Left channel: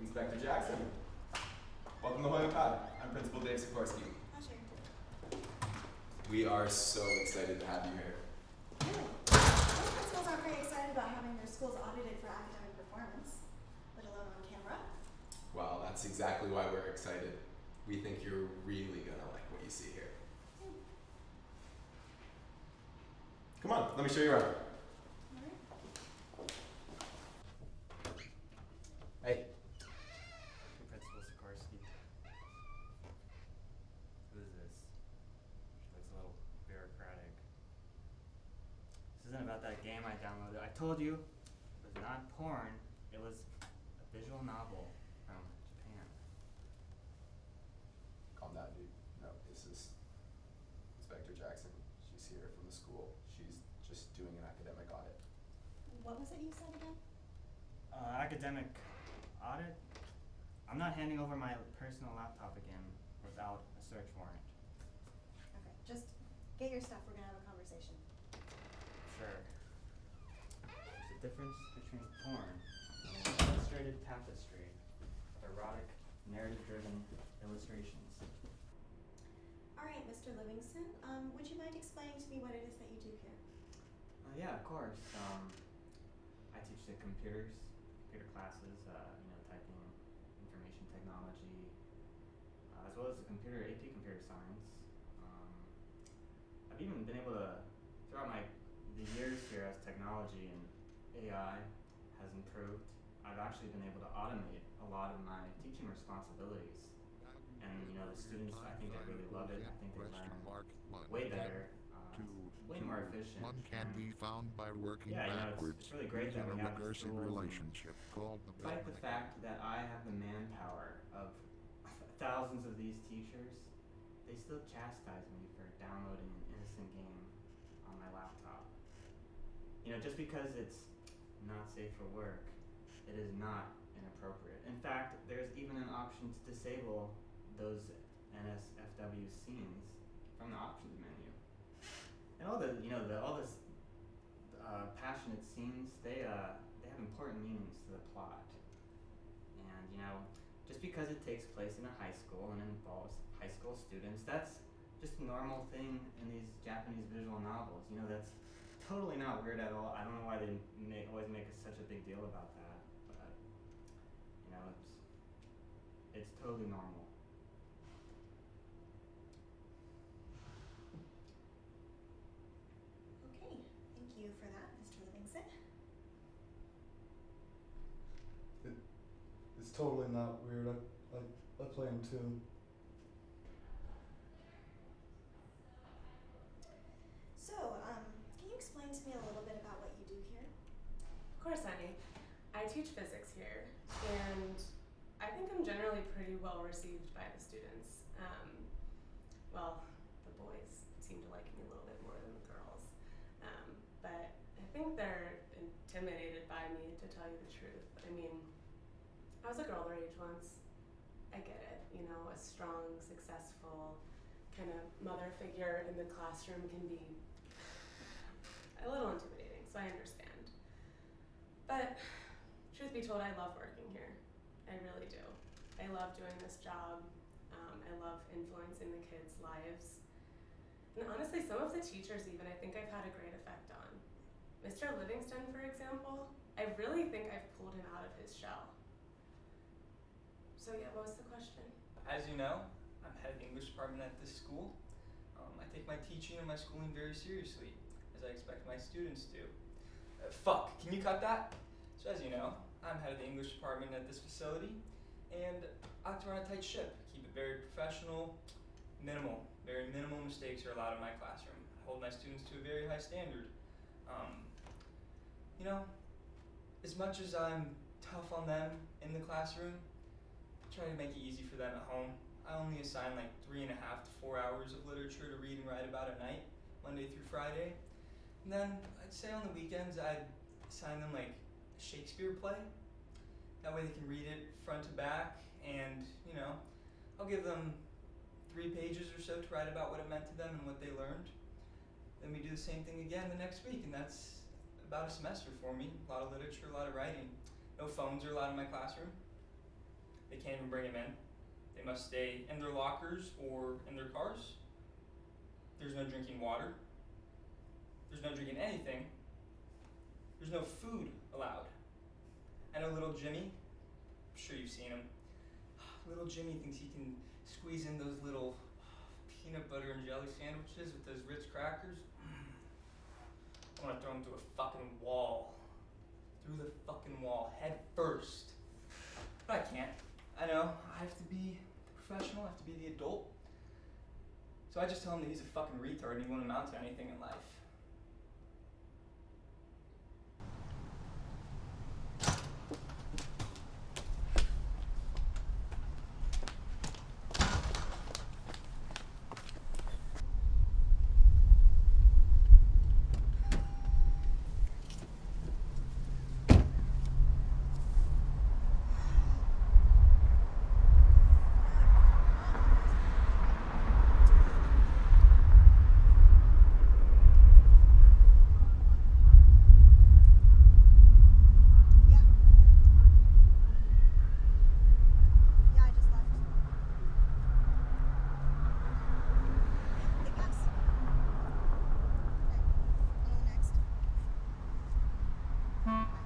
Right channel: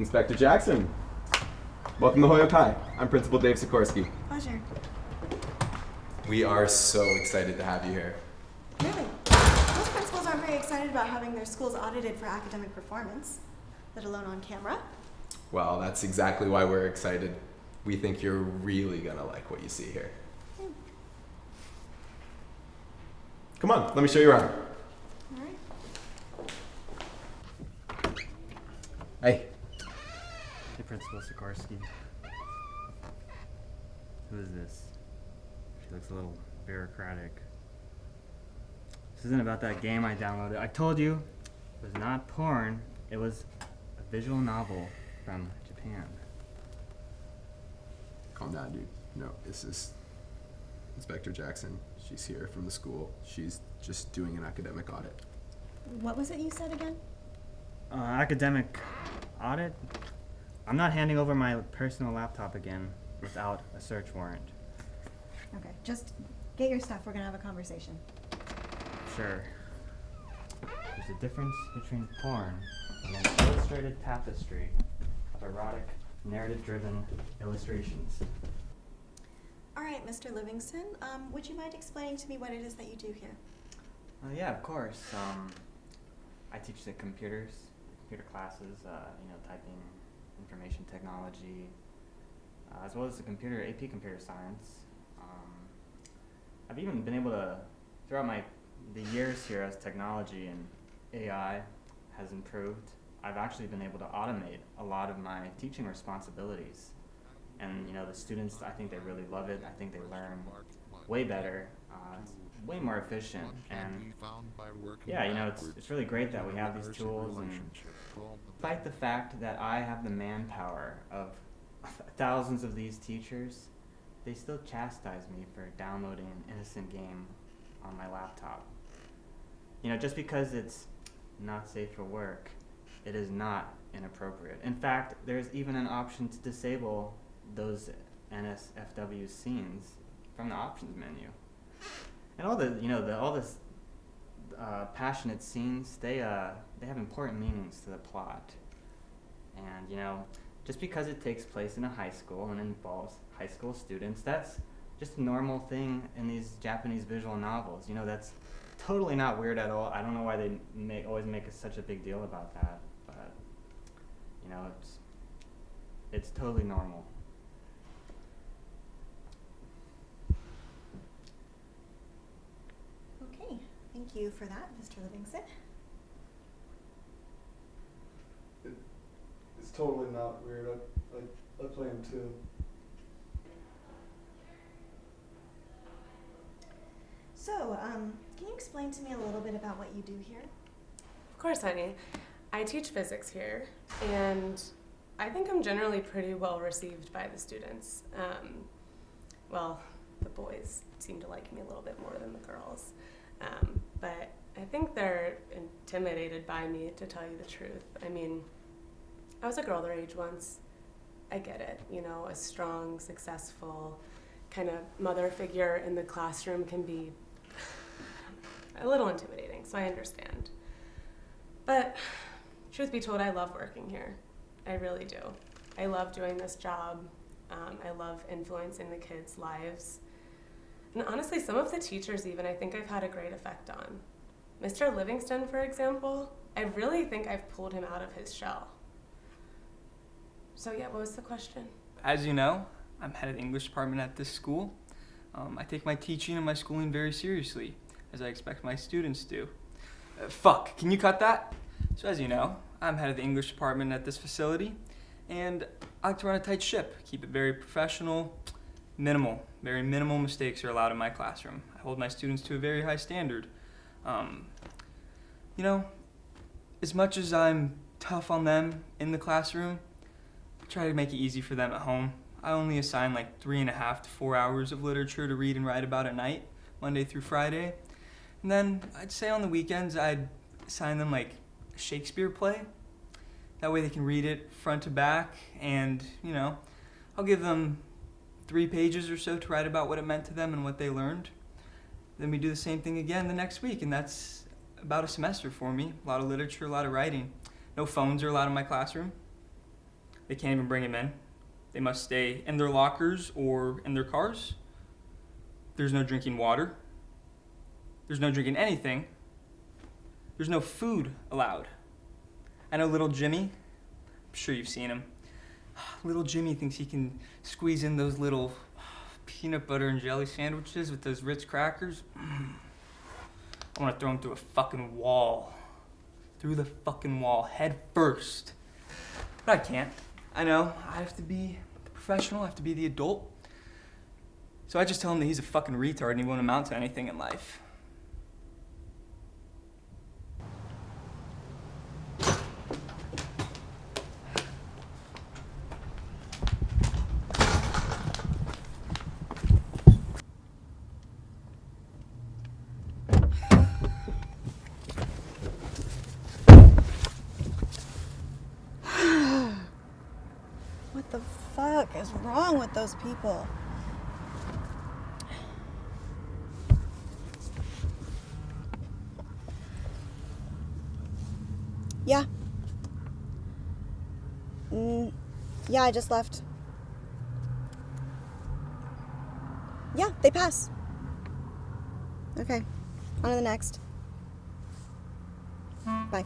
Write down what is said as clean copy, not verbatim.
Inspector Jackson. Welcome to Holyoke High. I'm Principal Dave Sikorsky. Pleasure. We are so excited to have you here. Really? Most principals aren't very excited about having their schools audited for academic performance, let alone on camera. Well, that's exactly why we're excited. We think you're really gonna like what you see here. Come on, let me show you around. Hey. Hey, Principal Sikorsky. Who is this? She looks a little bureaucratic. This isn't about that game I downloaded. I told you it was not porn. It was a visual novel from Japan. Calm down, dude. No, this is Inspector Jackson. She's here from the school. She's just doing an academic audit. What was it you said again? Academic audit? I'm not handing over my personal laptop again without a search warrant. Okay, just get your stuff. We're gonna have a conversation. Sure. There's a difference between porn and an illustrated tapestry of erotic, narrative-driven illustrations. All right, Mr. Livingston, would you mind explaining to me what it is that you do here? Yeah, of course. I teach the computer classes, typing, information technology, as well as the AP computer science. I've even been able to, throughout the years here as technology and AI has improved, I've actually been able to automate a lot of my teaching responsibilities. And the students, I think they really love it. I think they learn way better, way more efficient. And yeah, it's really great that we have these tools. And despite the fact that I have the manpower of thousands of these teachers, they still chastise me for downloading an innocent game on my laptop. Just because it's not safe for work, it is not inappropriate. In fact, there's even an option to disable those NSFW scenes from the options menu. And all this passionate scenes, they have important meanings to the plot. And just because it takes place in a high school and involves high school students, that's just a normal thing in these Japanese visual novels. That's totally not weird at all. I don't know why they always make such a big deal about that, but it's totally normal. Okay, thank you for that, Mr. Livingston. It's totally not weird. I play him too. So, can you explain to me a little bit about what you do here? Of course, honey. I teach physics here, and I think I'm generally pretty well received by the students. The boys seem to like me a little bit more than the girls. But I think they're intimidated by me, to tell you the truth. I mean, I was a girl their age once. I get it. A strong, successful kind of mother figure in the classroom can be a little intimidating, so I understand. But truth be told, I love working here. I really do. I love doing this job. I love influencing the kids' lives. And honestly, some of the teachers even, I think I've had a great effect on. Mr. Livingston, for example, I really think I've pulled him out of his shell. So yeah, what was the question? As you know, I'm head of the English department at this school. I take my teaching and my schooling very seriously, as I expect my students to. Fuck, can you cut that? So as you know, I'm head of the English department at this facility, and I like to run a tight ship, keep it very professional, very minimal mistakes are allowed in my classroom. I hold my students to a very high standard. As much as I'm tough on them in the classroom, I try to make it easy for them at home. I only assign 3.5 to 4 hours of literature to read and write about a night, Monday through Friday. And then I'd say on the weekends I'd assign them a Shakespeare play. That way they can read it front to back, and I'll give them 3 pages or so to write about what it meant to them and what they learned. Then we do the same thing again the next week, and that's about a semester for me. A lot of literature, a lot of writing. No phones are allowed in my classroom. They can't even bring him in. They must stay in their lockers or in their cars. There's no drinking water. There's no drinking anything. There's no food allowed. I know little Jimmy. I'm sure you've seen him. Little Jimmy thinks he can squeeze in those little peanut butter and jelly sandwiches with those Ritz crackers. I want to throw him through a fucking wall. Through the fucking wall, head first. But I can't. I know. I have to be the professional. I have to be the adult. So I just tell him that he's a fucking retard and he won't amount to anything in life. What the fuck is wrong with those people? Yeah. Yeah, I just left. Yeah, they pass. Okay, on to the next. Bye.